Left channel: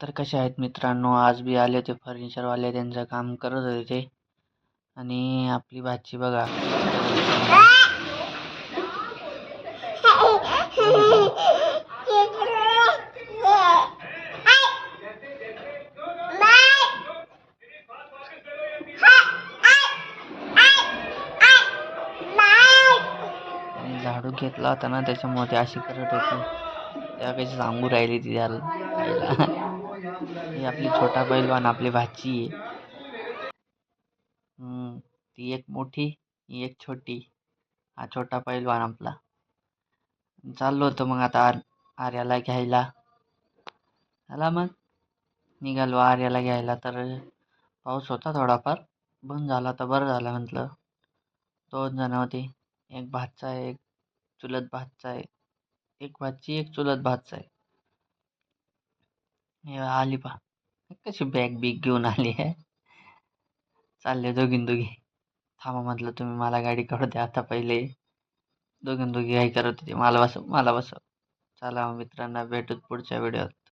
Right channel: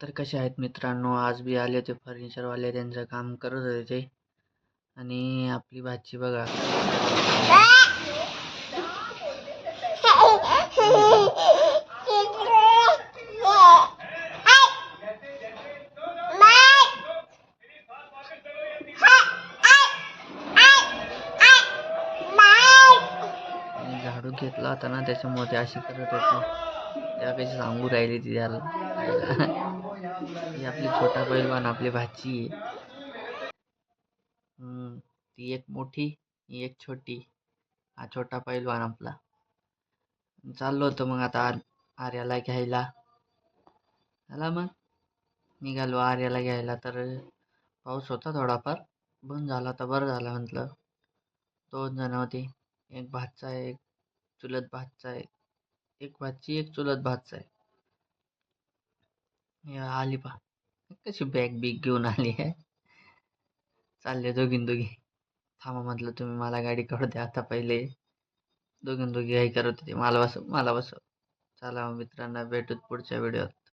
तर कसे आहेत मित्रांनो, आज बी आले होते फर्निचरवाले, त्यांचं काम करत होते ते. आणि आपली भाची बघा आणि झाडू घेतला होता ना, त्याच्यामुळे ते अशी करत होती. त्या कशी सांगू राहिली ती त्याला आईला. ही आपली छोटा पैलवान आपली भाची आहे. ती एक मोठी, ही एक छोटी. हा छोटा पैलवान आपला. चाललो होतो मग आता आर्याला घ्यायला. आला मग निघालो आर्याला घ्यायला. तर पाऊस होता थोडाफार, बंद झाला तर बरं झालं म्हटलं. 2 जण होते, एक भाचा आहे, एक चुलत भाचा आहे. एक भाची, एक चुलत भाचा आहे. हे आली पा, कशी बॅग बिग घेऊन आली आहे. चालले दोघी. थांबा म्हटलं, तुम्ही मला गाडी काढू द्या आता पहिले. दोघी काही करत होते, मला बसव. चला मित्रांना, भेटूत पुढच्या व्हिडिओत.